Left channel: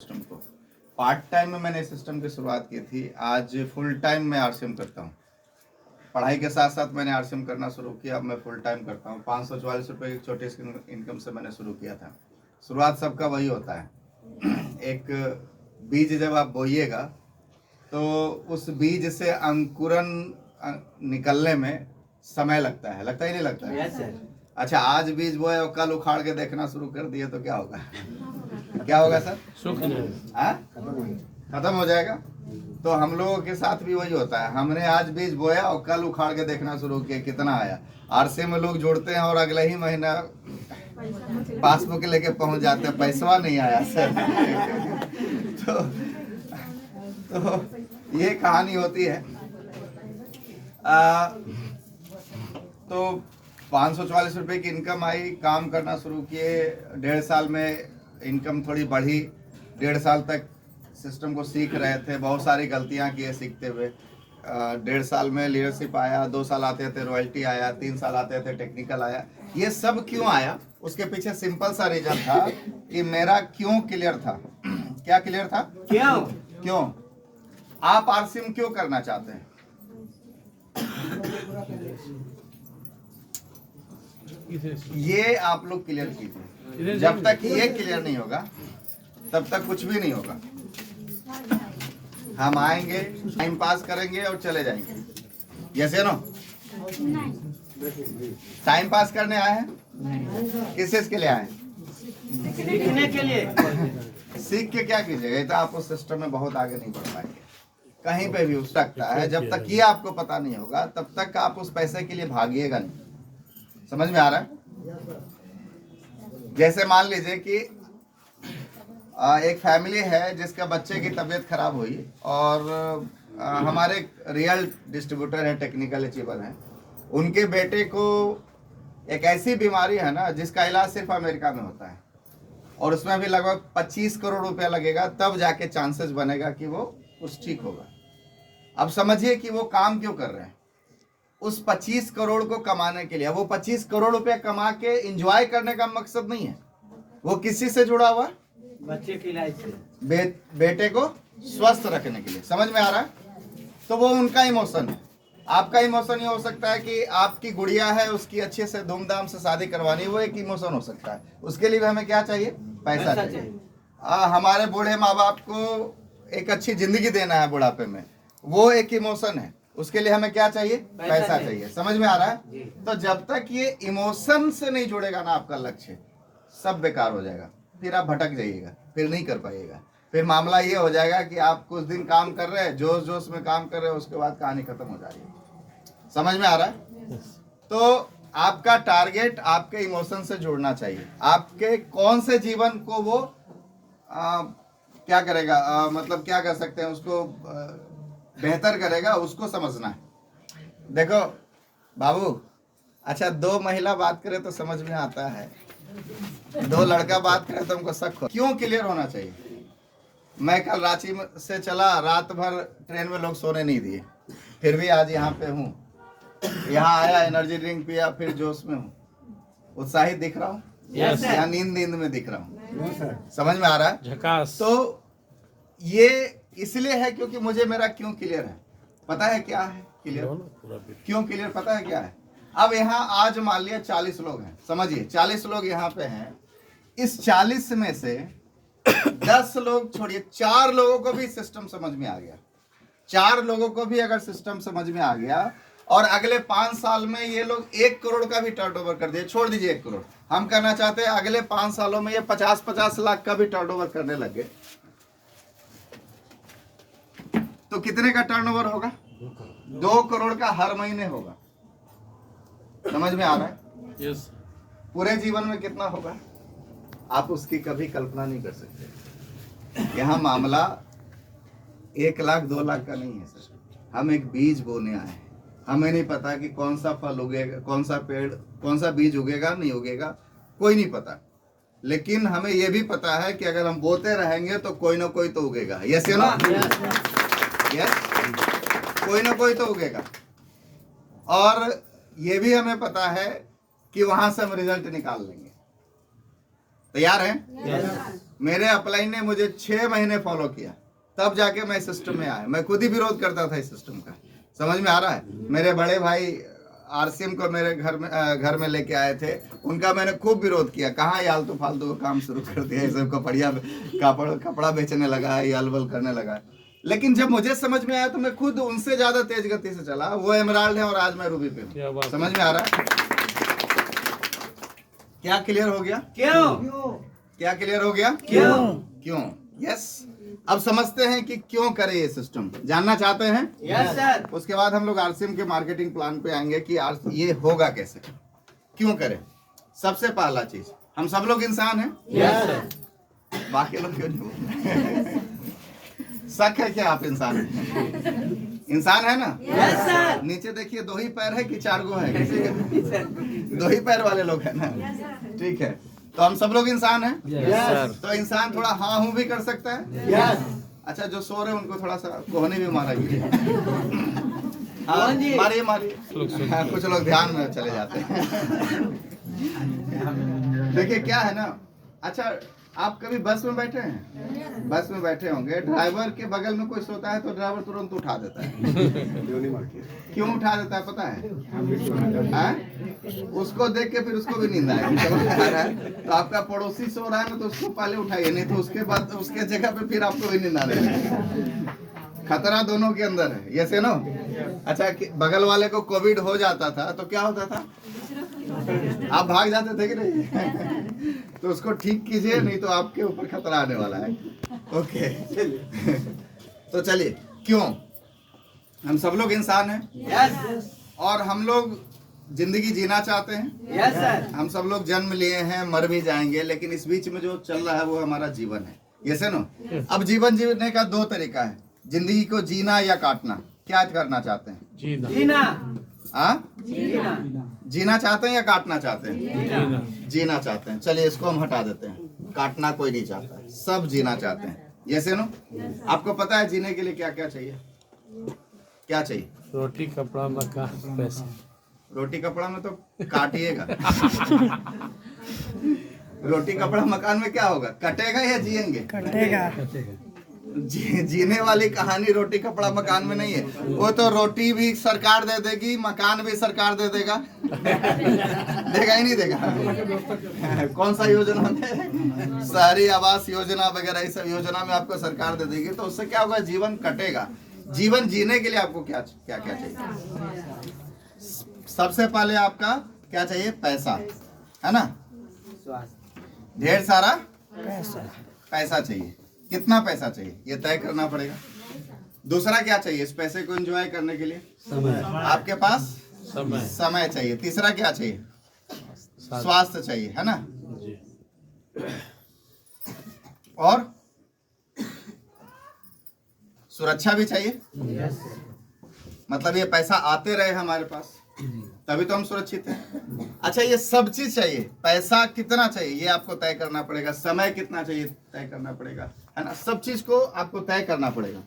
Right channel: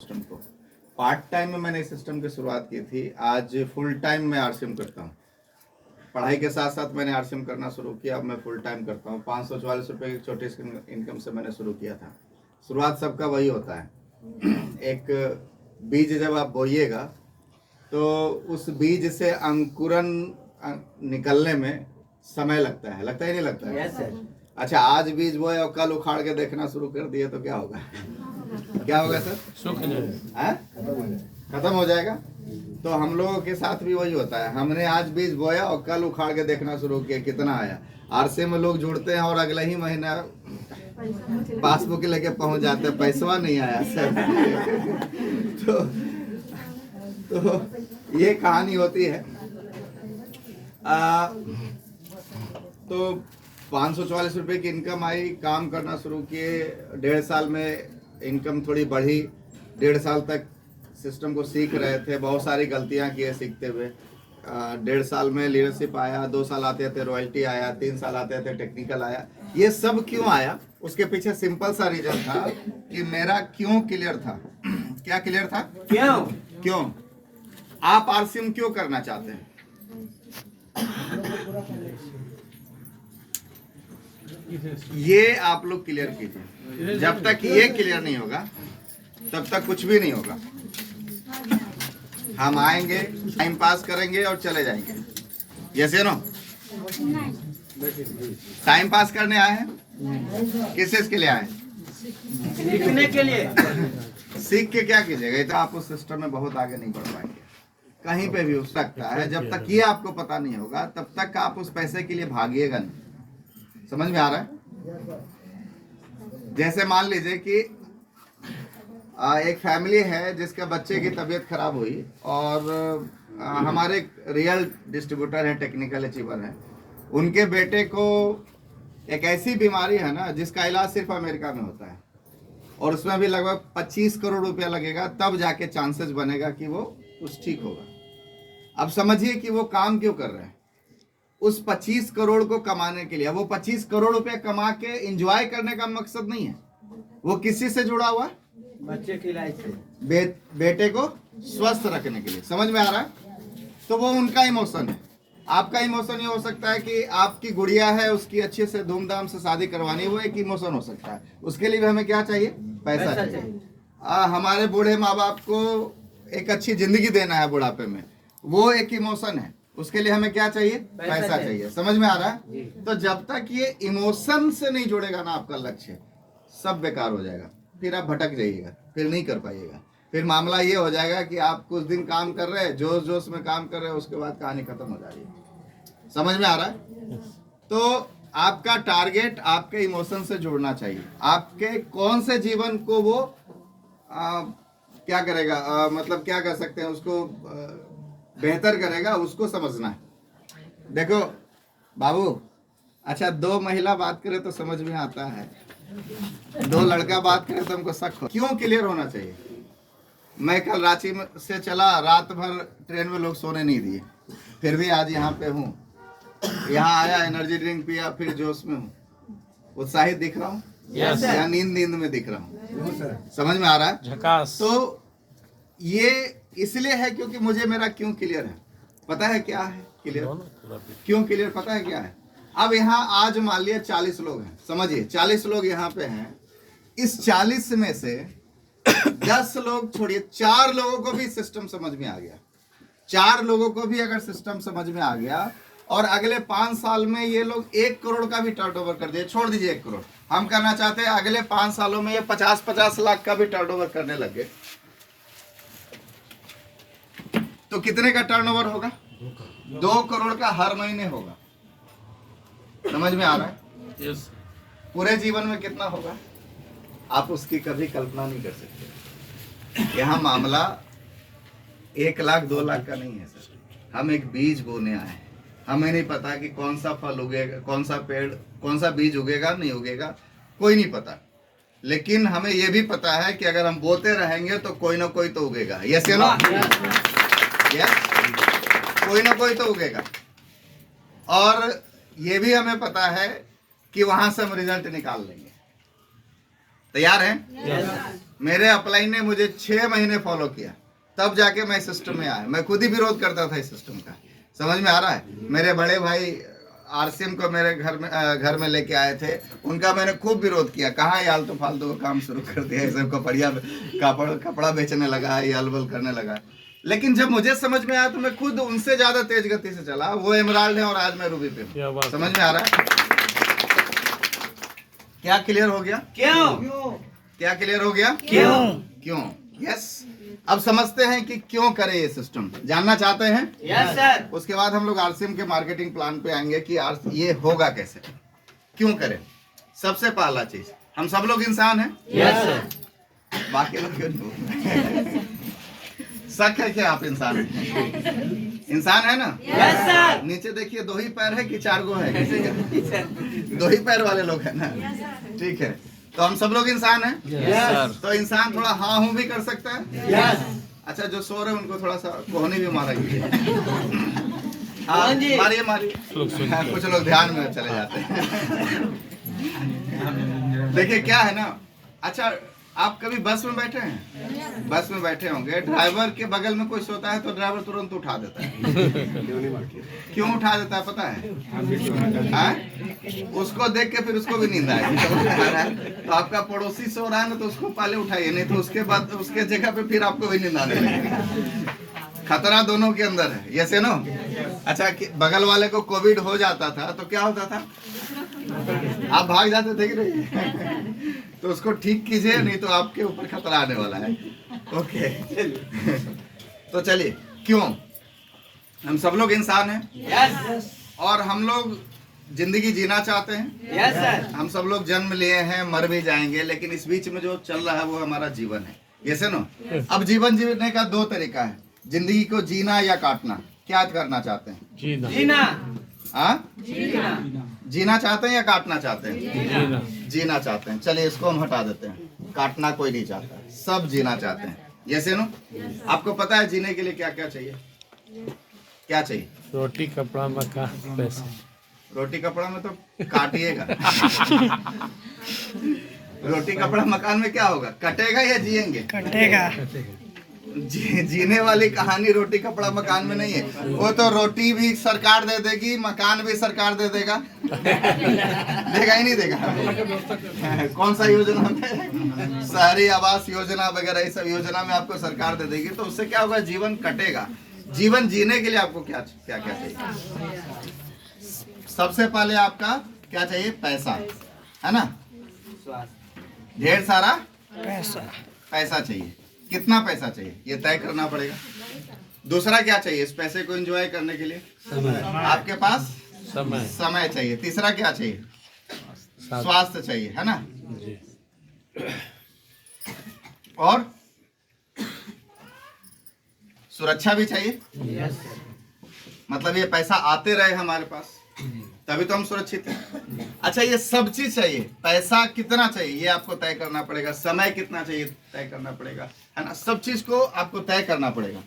System को part time में मैंने इस सिस्टम की शुरुआत की थी। आज फुल टाइम मैं आरसीएम करता हूँ। पढ़ाई के साथ साथ मैंने आरसीएम करना शुरू किया। अब मैं फुल टाइम करता हूँ। 544 रुपये की छोटी इनकम से मैंने शुरू किया था। शुरुआत सबका वही होता है। एक बीज जब आप बोइएगा तो उस बीज से अंकुरन निकलने में समय लगता है ही नहीं लगता है? Yes, sir. अच्छा, आज बीज बोए और कल उखाड़ के देखना शुरू कर दिए तो क्या होगा? क्या होगा सर? खत्म हो जाएगा। तो हम लोगों के साथ भी वही होता है। हमने आज बीज बोया और कल उखाड़ के देखना शुरू किया कितना आया। आरसी में लोग जुड़ते हैं और अगले ही महीना पासबुक लेके पहुंच जाते हैं, पैसा नहीं आया सर। तो ये कहानी होती है। तो 544 रुपये की इनकम आई, काम करना शुरू किए। 1.5 साल में इनकम थोड़ी बढ़ी। 1.5 साल तक सिस्टम को सीख रहे थे, बहुत सारी गलतियां किए सीखते हुए। 1.5 साल में लीडरशिप आया, 2 साल आते थे रॉयल्टी आया, 3 साल आते थे टेक्निकल आया। ये सब क्यों आया? उसके पीछे सिंपल सा रीजन था कि मेरा क्यों क्लियर था। क्या क्लियर था? क्यों आप आरसीएम क्यों करना चाहते हैं? ये आप लोग क्लियर कीजिए। जब तक ये क्लियर नहीं होगा तब तक कुछ भी नहीं होगा। हम आएंगे, टाइम पास करेंगे और चले जाएंगे। यस या नो? टाइम पास करने आए हैं? किस चीज के लिए आए हैं? सीखने के लिए। सीख के क्या कीजिएगा? ये तो आप उस सिस्टम में बहुत आगे नहीं बढ़ पाएंगे। कहीं पे भी हो सकता है। जब तक ये आपको पता नहीं होगा तब तक आप उस पैसे के लिए भागिएगा नहीं। समझ में आ रहा है? जैसे मान लीजिए कि एक फैमिली है जिसका बच्चे की तबीयत खराब हुई और हमारे रियल डिस्ट्रीब्यूटर है, टेक्निकल अचीवर है। उनके बेटे को एक ऐसी बीमारी है ना जिसका इलाज सिर्फ अमेरिका में होता है और उसमें भी लगभग 25 करोड़ रुपया लगेगा, तब जाके चांसेस बनेगा कि वो कुछ ठीक होगा। अब समझिए कि वो काम क्यों कर रहे हैं। उस 25 करोड़ को कमाने के लिए। वो 25 करोड़ रुपया कमा के एंजॉय करने का मकसद नहीं है। वो किसी से जुड़ा हुआ? बच्चे की लाइफ से। बेटे को स्वस्थ रखने के लिए। समझ में आ रहा है? तो वो उनका इमोशन है। आपका इमोशन ये हो सकता है कि आपकी गुड़िया है, उसकी अच्छे से धूमधाम से शादी करवानी है, वो एक इमोशन हो सकता है। उसके लिए हमें क्या चाहिए? पैसा चाहिए। हमारे बूढ़े माँ बाप को एक अच्छी जिंदगी देना है बुढ़ापे में, वो एक इमोशन है। उसके लिए हमें क्या चाहिए? पैसा चाहिए। समझ में आ रहा है? तो जब तक ये इमोशन से नहीं जुड़ेगा ना आपका लक्ष्य, सब बेकार हो जाएगा। फिर आप भटक जाइएगा, फिर नहीं कर पाइएगा। फिर मामला ये हो जाएगा कि आप कुछ दिन काम कर रहे हैं, जोश जोश में काम कर रहे हैं, उसके बाद कहानी खत्म हो जा रही है। समझ में आ रहा है? तो आपका टारगेट आपके इमोशन से जुड़ना चाहिए। आपके कौन से जीवन को वो क्या करेगा, मतलब क्या कर सकते हैं उसको बेहतर करेगा, उसको समझना है। देखो बाबू, अच्छा 2 महिला बात करे तो समझ में आता है, 2 लड़का बात करे तो हमको शक हो। क्यों क्लियर होना चाहिए? मैं कल रांची से चला, रात भर ट्रेन में लोग सोने नहीं दिए, फिर भी आज यहाँ पे हूँ। यहाँ आया, एनर्जी ड्रिंक पिया, फिर जोश में हूँ, उत्साहित दिख रहा हूँ या नींद में दिख रहा हूँ? समझ में आ रहा है? तो ये इसलिए है क्योंकि मुझे मेरा क्यों क्लियर है। पता है क्या है क्लियर? क्यों क्लियर पता है क्या है? अब यहाँ आज मान लिया 40 लोग हैं। समझिए 40 लोग यहाँ पे हैं। इस 40 में से 10 लोग छोड़िए, 4 लोगों को भी सिस्टम समझ में आ गया। 4 लोगों को भी अगर सिस्टम समझ में आ गया और अगले 5 साल में ये लोग 1 करोड़ का भी टर्नओवर कर दिए, छोड़ दीजिए 1 करोड़, हम करना चाहते हैं अगले 5 सालों में ये 50-50 लाख का भी टर्नओवर करने लगे, तो कितने का टर्नओवर होगा? 2 करोड़ का हर महीने होगा। समझ में आ रहा है? Yes. पूरे जीवन में कितना होगा आप उसकी कभी कल्पना नहीं कर सकते। यहाँ मामला 1 लाख 2 लाख का नहीं है सर। हम एक बीज बोने आए हैं। हमें नहीं पता कि कौन सा फल उगेगा, कौन सा पेड़, कौन सा बीज उगेगा नहीं उगेगा, कोई नहीं पता। लेकिन हमें यह भी पता है कि अगर हम बोते रहेंगे तो कोई ना कोई तो उगेगा। यस या नो? यस, कोई ना कोई तो उगेगा। और ये भी हमें पता है कि वहां से हम रिजल्ट निकाल लेंगे। तैयार हैं? Yes. मेरे अपलाइन ने मुझे 6 महीने फॉलो किया, तब जाके मैं सिस्टम में आया। मैं खुद ही विरोध करता था इस सिस्टम का। समझ में आ रहा है? मेरे बड़े भाई आरसीएम को मेरे घर में लेके आए थे, उनका मैंने खूब विरोध किया। कहाँ ये आलतू फालतू का काम शुरू कर दिया, सबको बढ़िया कपड़ा बेचने लगा है, यल बल करने लगा है। लेकिन जब मुझे समझ में आया तो मैं खुद उनसे ज्यादा तेज गति से चला। वो एमराल्ड है और आज मैं रूबी पे हूँ। समझ में आ रहा है? क्या क्लियर हो गया? क्यों? क्या क्लियर हो गया? क्यों? यस। अब समझते हैं कि क्यों करे ये सिस्टम, जानना चाहते हैं? Yes sir. उसके बाद हम लोग आरसीएम के मार्केटिंग प्लान पे आएंगे कि ये होगा कैसे, क्यों करें। सबसे पहला चीज, हम सब लोग इंसान हैं। Yes sir. बाकी लोग क्यों नहीं? शक है क्या आप इंसान हैं? इंसान है ना? Yes sir. नीचे देखिए, 2 ही पैर है कि 4 गो है? 2 ही पैर वाले लोग हैं ना? ठीक है, तो हम सब लोग इंसान हैं। यस। तो इंसान थोड़ा हाँ हूँ भी कर सकता है। यस। अच्छा, जो सो रहे हैं उनको थोड़ा सा कोहनी भी मारेगी। हाँ, कौन जी? मारिए। हाँ, कुछ लोग ध्यान में चले जाते हैं। देखिए क्या है ना, अच्छा आप कभी बस में बैठे हैं? बस में बैठे होंगे, ड्राइवर के बगल में कोई सोता है तो ड्राइवर तुरंत उठा देता है। क्यों उठा देता है पता है? हाँ? उसको देख के फिर उसको भी नींद आएगी। समझ में आ रहा है? तो आपका पड़ोसी सो रहा है ना, तो उसको पहले उठाइए, नहीं तो उसके बाद उसके जगह पे फिर आपको भी नींद आने लगेगी। खतरा दोनों के अंदर है। ये से नो। अच्छा, बगल वाले को कोविड हो जाता था तो क्या होता था? आप भाग जाते थे कि नहीं? तो उसको ठीक कीजिए, नहीं तो आपके ऊपर खतरा आने वाला है। ओके। तो चलिए, क्यों? हम सब लोग इंसान हैं। यस। और हम लोग जिंदगी जीना चाहते हैं। Yes sir. हम सब लोग जन्म लिए हैं, मर भी जाएंगे, लेकिन इस बीच में जो चल रहा है वो हमारा जीवन है। ये से नो। अब जीवन जीने का 2 तरीका है, जिंदगी को जीना या काटना। क्या करना चाहते हैं? जीना। हाँ? जीना। जीना चाहते हैं या काटना चाहते हैं? जीना चाहते हैं। चलिए इसको हम हटा देते हैं। काटना कोई नहीं चाहता, सब जीना चाहते हैं। ये से नो। आपको पता है जीने के लिए क्या क्या चाहिए? क्या चाहिए? रोटी, कपड़ा, मकान, पैसा। रोटी कपड़ा में तो काटिएगा। रोटी कपड़ा मकान में क्या होगा? कटेगा या जिएंगे? कटेगा। जीने वाली कहानी रोटी कपड़ा मकान में नहीं है। वो तो रोटी भी सरकार दे देगी, मकान भी सरकार दे देगा। देगा ही नहीं देगा? कौन सा योजना में? शहरी आवास योजना वगैरह, इस सब योजना में आपको सरकार दे देगी। तो उससे क्या होगा? जीवन कटेगा। जीवन जीने के लिए आपको क्या क्या क्या चाहिए? सबसे पहले आपका क्या चाहिए? पैसा, है ना? ढेर सारा पैसा चाहिए। कितना पैसा चाहिए ये तय करना पड़ेगा। दूसरा क्या चाहिए इस पैसे को एंजॉय करने के लिए? आपके पास समय चाहिए। तीसरा क्या चाहिए? स्वास्थ्य चाहिए, है ना? और सुरक्षा भी चाहिए। मतलब ये पैसा आते रहे हमारे पास, तभी तो हम सुरक्षित हैं। अच्छा, ये सब चीज चाहिए। पैसा कितना चाहिए ये आपको तय करना पड़ेगा। समय कितना चाहिए तय करना पड़ेगा, है ना? सब चीज को आपको तय करना पड़ेगा।